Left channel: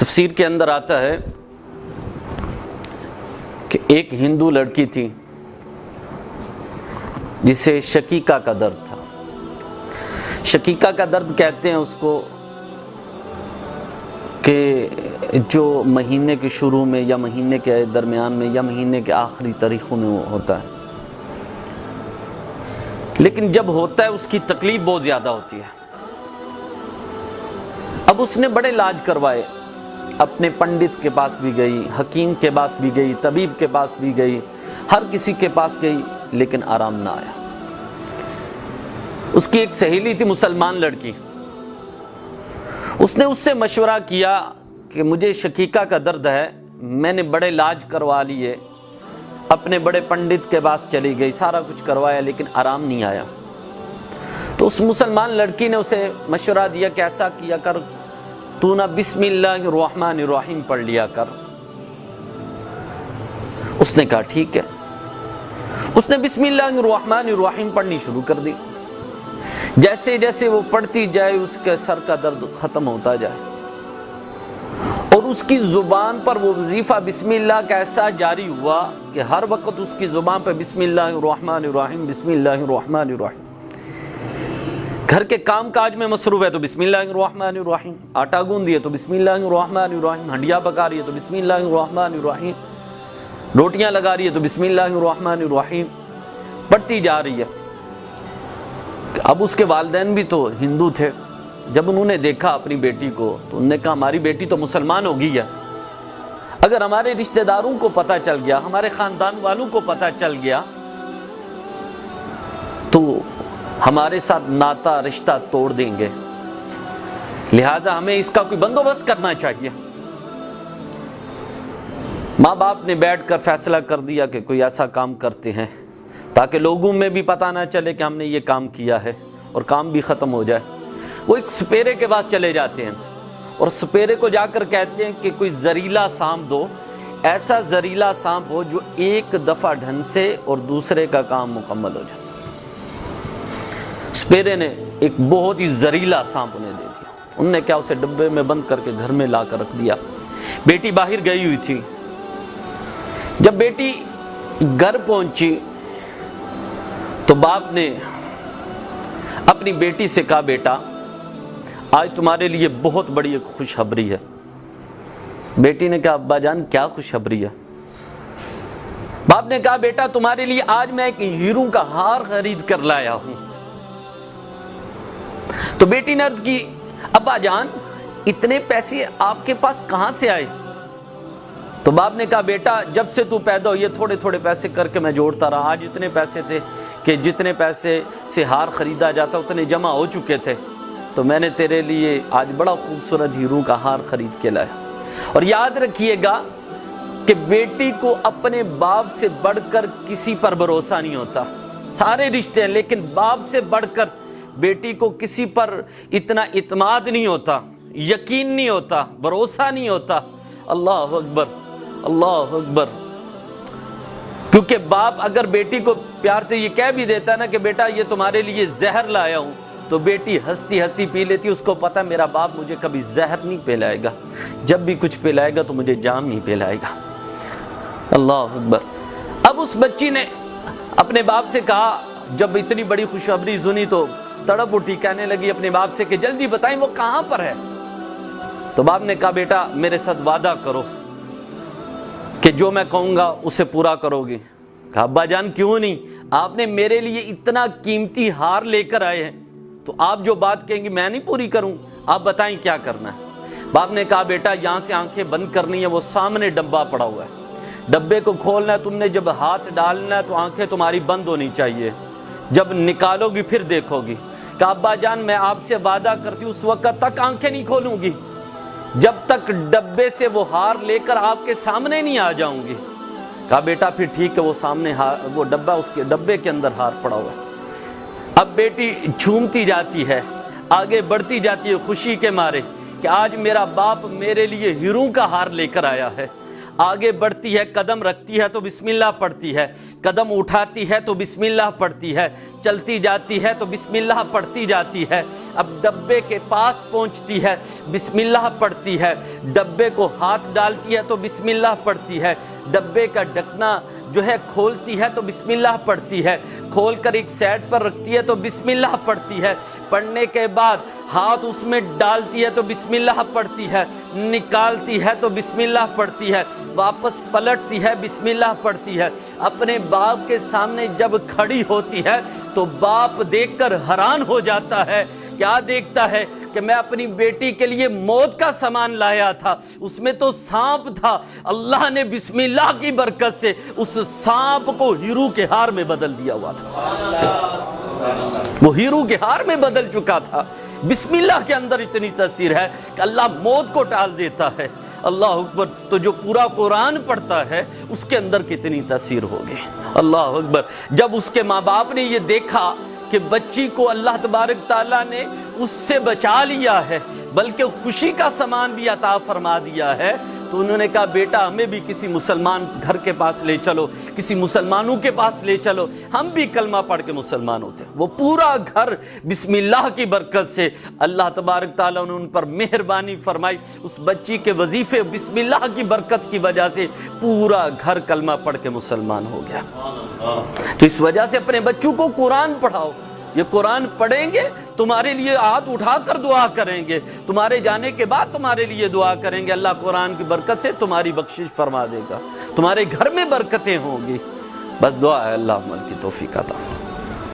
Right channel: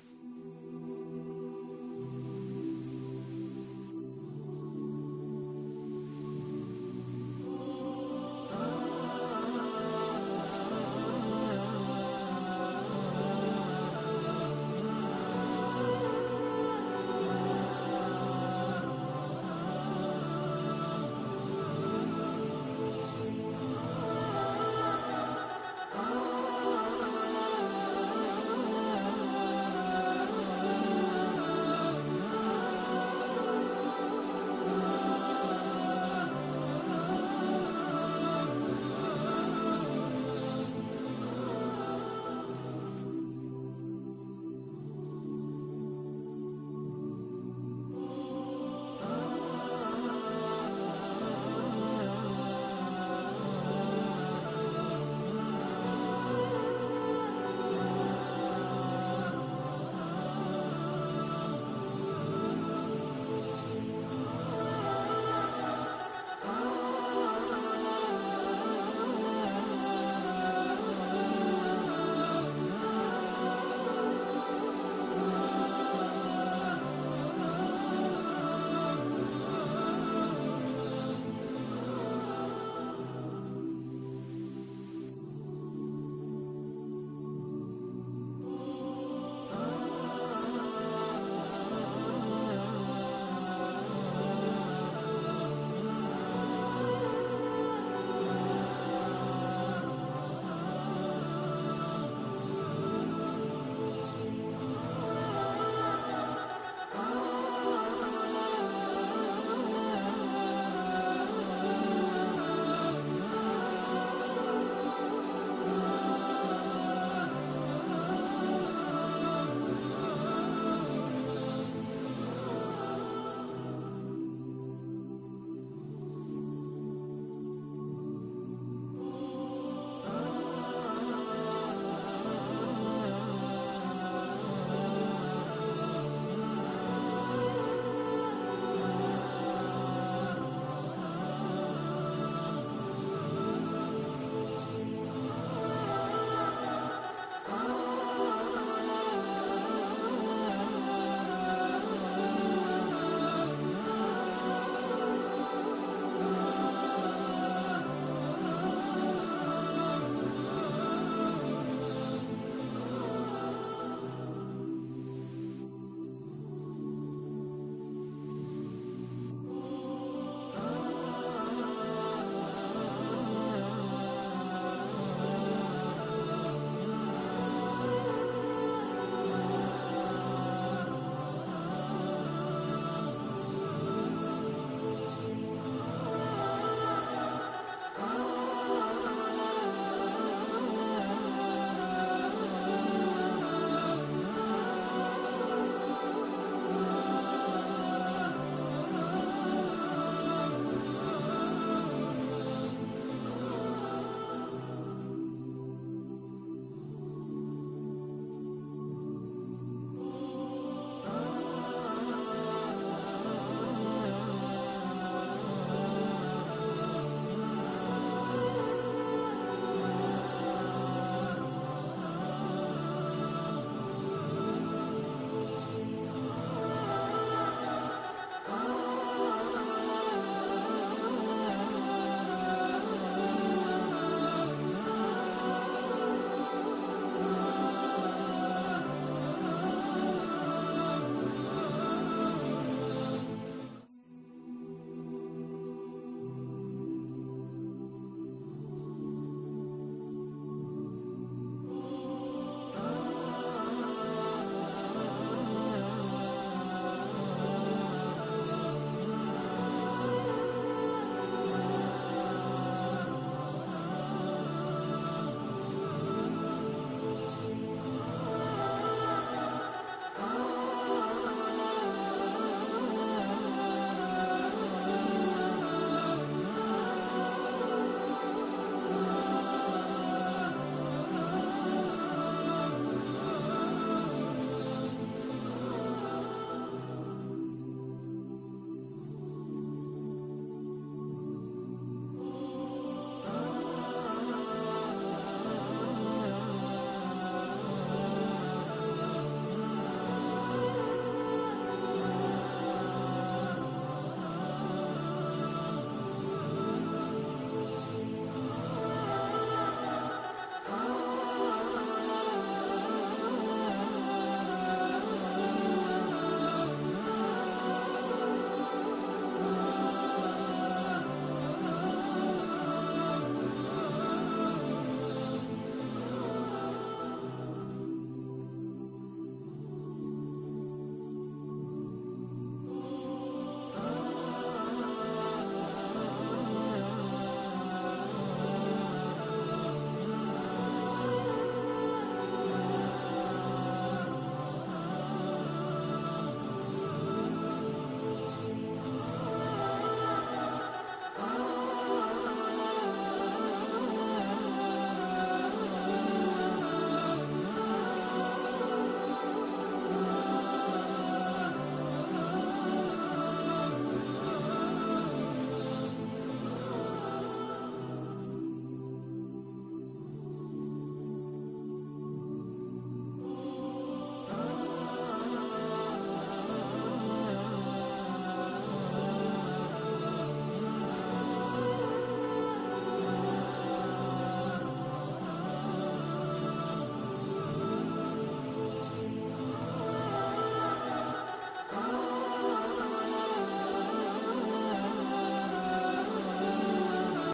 تفسیر کے اندر آتا ہے کہ ایک ہندو لڑکی تھی جسے شقیقہ کا درد تھا۔ شقیقہ کا درد کہتے ہیں اس کو کہ جو مہینے کے شروع میں یا مہینے کے درمیان میں یا مہینے کے آخری تاریخوں میں ہوتا ہے، لیکن جب ہوتا ہے اس کی تکلیف بہت زیادہ ہوتی ہے۔ اب اس نے بڑے علاج کروائے، اپنے پنڈت کے پاس بھی گئی، حکیم کے پاس بھی گئی، طبیب کے پاس بھی گئی، ہر کسی کے پاس گئی، لیکن آرام نہ آیا۔ اس کی ایک سہیلی تھی مسلمان لڑکی، اس نے اس سے مشورہ کیا کہ مجھے شقیقہ کا درد ہے، میں نے بڑے علاج کروا لیے، اپنے بڑے پنڈت کے پاس چلی گئی، سارا کچھ کروایا، لیکن آرام نہیں آیا۔ تو اس مسلمان لڑکی نے اسے مشورہ دیا کہ ایسا کیا کر، تو نہ بسم اللہ الرحمن الرحیم پڑھ لیا کر۔ اس نے کہا ٹھیک ہے۔ اس نے بسم اللہ الرحمن الرحیم پڑھنی شروع کر دی۔ جیسے جیسے وہ پڑھتی جائے اس کے سر کا درد ختم ہوتا جائے، اور اس کی زبان پر وہ وظیفہ بسم اللہ کا ایسا جاری ہوا کہ ہر وقت اس کی زبان پہ بسم اللہ الرحمن الرحیم، بسم اللہ الرحمن الرحیم۔ گھر کے کام کاج میں مصروف ہے تو بسم اللہ الرحمن الرحیم، آٹا گوندھی ہے تو بسم اللہ الرحمن الرحیم، ہنڈیا پکا رہی ہے تو بسم اللہ الرحمن الرحیم، روٹیاں لگا رہی ہے تو بسم اللہ الرحمن الرحیم پڑھتی جا رہی ہے۔ اب اس کے والدین بھی تو ہندو تھے، جب انہوں نے دیکھا اپنی بیٹی کو تو انہوں نے کہا ہماری بیٹی تو مسلمان ہو گئی ہے، اگر ہمارے رشتہ داروں کو پتہ چل گیا، ہمارے خاندان والوں کو پتہ چل گیا تو ہمارے ساتھ ناتا رشتہ توڑ دیں گے، لہذا ہمیں اس کا کوئی بندوبست کرنا چاہیے۔ ماں باپ نے بیٹھ کر فیصلہ کر دیا کہ کوئی ایسا کام کرتے ہیں تاکہ لوگوں میں بھی پتہ نہ چلے کہ ہم نے یہ کام کیا ہے اور کام بھی ختم ہو جائے۔ وہ ایک سپیرے کے پاس چلے جاتے ہیں اور سپیرے کو جا کر کہتے ہیں کہ کوئی زہریلا سانپ دو، ایسا زہریلا سانپ ہو جو ایک دفعہ ڈھنگ سے اور دوسرے کا کام مکمل ہو جائے۔ سپیرے نے ایک بہت ہی زہریلا سانپ انہیں دے دیا، انہوں نے کیا اسے ڈبے میں بند کر کے گھر میں لا کر رکھ دیا۔ بیٹی باہر گئی ہوئی تھی، جب بیٹی گھر پہنچی تو باپ نے اپنی بیٹی سے کہا بیٹا آج تمہارے لیے بہت بڑی ایک خوشخبری ہے۔ بیٹی نے کہا ابا جان کیا خوشخبری ہے؟ باپ نے کہا بیٹا تمہارے لیے آج میں ایک ہیروں کا ہار خرید کر لایا ہوں۔ تو بیٹی نے عرض کی ابا جان اتنے پیسے آپ کے پاس کہاں سے آئے؟ تو باپ نے کہا بیٹا جب سے تو پیدا ہوئی ہے تھوڑے تھوڑے پیسے کر کے میں جوڑتا رہا، آج اتنے پیسے تھے کہ جتنے پیسے سے ہار خریدا جاتا اتنے جمع ہو چکے تھے، تو میں نے تیرے لیے آج بڑا خوبصورت ہیروں کا ہار خرید کے لایا۔ اور یاد رکھیے گا کہ بیٹی کو اپنے باپ سے بڑھ کر کسی پر بھروسہ نہیں ہوتا، سارے رشتے ہیں لیکن باپ سے بڑھ کر بیٹی کو کسی پر اتنا اعتماد نہیں ہوتا، یقین نہیں ہوتا، بھروسہ نہیں ہوتا۔ اللہ اکبر، اللہ اکبر۔ کیونکہ باپ اگر بیٹی کو پیار سے یہ کہہ بھی دیتا ہے نا کہ بیٹا یہ تمہارے لیے زہر لایا ہوں، تو بیٹی ہنستی ہنستی پی لیتی، اس کو پتا میرا باپ مجھے کبھی زہر نہیں پلائے گا، جب بھی کچھ پلائے گا تو مجھے جام نہیں پلائے گا۔ اللہ اکبر۔ اب اس بچی نے اپنے باپ سے کہا، جب اتنی بڑی خوشخبری سنی تو تڑپ اٹھی، کہنے لگی اپنے باپ سے کہ جلدی بتائیں وہ کہاں پر ہے؟ تو باپ نے کہا بیٹا میرے ساتھ وعدہ کرو کہ جو میں کہوں گا اسے پورا کرو گی۔ کہا ابا جان کیوں نہیں، آپ نے میرے لیے اتنا قیمتی ہار لے کر آئے ہیں تو آپ جو بات کہیں گے میں نہیں پوری کروں، آپ بتائیں کیا کرنا ہے؟ باپ نے کہا بیٹا یہاں سے آنکھیں بند کرنی ہے، وہ سامنے ڈبہ پڑا ہوا ہے، ڈبے کو کھولنا ہے، تم نے جب ہاتھ ڈالنا ہے تو آنکھیں تمہاری بند ہونی چاہیے، جب نکالو گی پھر دیکھو گی۔ کہا ابا جان میں آپ سے وعدہ کرتی ہوں اس وقت تک آنکھیں نہیں کھولوں گی جب تک ڈبے سے وہ ہار لے کر آپ کے سامنے نہیں آ جاؤں گی۔ کہا بیٹا پھر ٹھیک ہے، وہ سامنے وہ ڈبہ، اس کے ڈبے کے اندر ہار پڑا ہوا۔ اب بیٹی جھومتی جاتی ہے، آگے بڑھتی جاتی ہے خوشی کے مارے کہ آج میرا باپ میرے لیے ہیروں کا ہار لے کر آیا ہے، آگے بڑھتی ہے، قدم رکھتی ہے تو بسم اللہ پڑھتی ہے، قدم اٹھاتی ہے تو بسم اللہ پڑھتی ہے، چلتی جاتی ہے تو بسم اللہ پڑھتی جاتی ہے، اب ڈبے کے پاس پہنچتی ہے بسم اللہ پڑھتی ہے، ڈبے کو ہاتھ ڈالتی ہے تو بسم اللہ پڑھتی ہے، ڈبے کا ڈھکنا جو ہے کھولتی ہے تو بسم اللہ پڑھتی ہے، کھول کر ایک سائڈ پر رکھتی ہے تو بسم اللہ پڑھتی ہے، پڑھنے کے بعد ہاتھ اس میں ڈالتی ہے تو بسم اللہ پڑھتی ہے، نکالتی ہے تو بسم اللہ پڑھتی ہے، واپس پلٹتی ہے بسم اللہ پڑھتی ہے۔ اپنے باپ کے سامنے جب کھڑی ہوتی ہے تو باپ دیکھ کر حیران ہو جاتا ہے، کیا دیکھتا ہے کہ میں اپنی بیٹی کے لیے موت کا سامان لایا تھا، اس میں تو سانپ تھا، اللہ نے بسم اللہ کی برکت سے اس سانپ کو ہیرو کے ہار میں بدل دیا ہوا تھا، وہ ہیرو کے ہار میں بدل چکا تھا۔ بسم اللہ کے اندر اتنی تاثیر ہے کہ اللہ موت کو ٹال دیتا ہے۔ اللہ اکبر۔ تو جو پورا قرآن پڑھتا ہے اس کے اندر کتنی تاثیر ہوگی۔ اللہ اکبر۔ جب اس کے ماں باپ نے یہ دیکھا کہ بچی کو اللہ تبارک تعالیٰ نے اس سے بچا لیا ہے بلکہ خوشی کا سامان بھی عطا فرما دیا ہے، تو انہوں نے کہا بیٹا ہمیں بھی کسی مسلمان گھر کے پاس لے چلو، کسی مسلمانوں کے پاس لے چلو، ہم بھی کلمہ پڑھ کے مسلمان ہوتے ہیں۔ وہ پورا گھر بسم اللہ کی برکت سے اللہ تبارک تعالیٰ نے ان پر مہربانی فرمائی، اس بچی کے وظیفے بسم اللہ کی برکت کی وجہ سے پورا گھر کلمہ پڑھ کے مسلمان ہو گیا۔ تو اس وجہ سے اپنے بچوں کو قرآن پڑھاؤ، یہ قرآن پڑھیں گے تمہارے لیے ہاتھ اٹھا کر دعا کریں گے، تمہارے جانے کے بعد تمہارے لیے دعا کریں گے، اللہ قرآن کی برکت سے تمہاری بخشش فرما دے گا، تمہارے گھر میں برکتیں ہوں گی۔ بس دعا ہے اللہ عمل کی توفیق عطا۔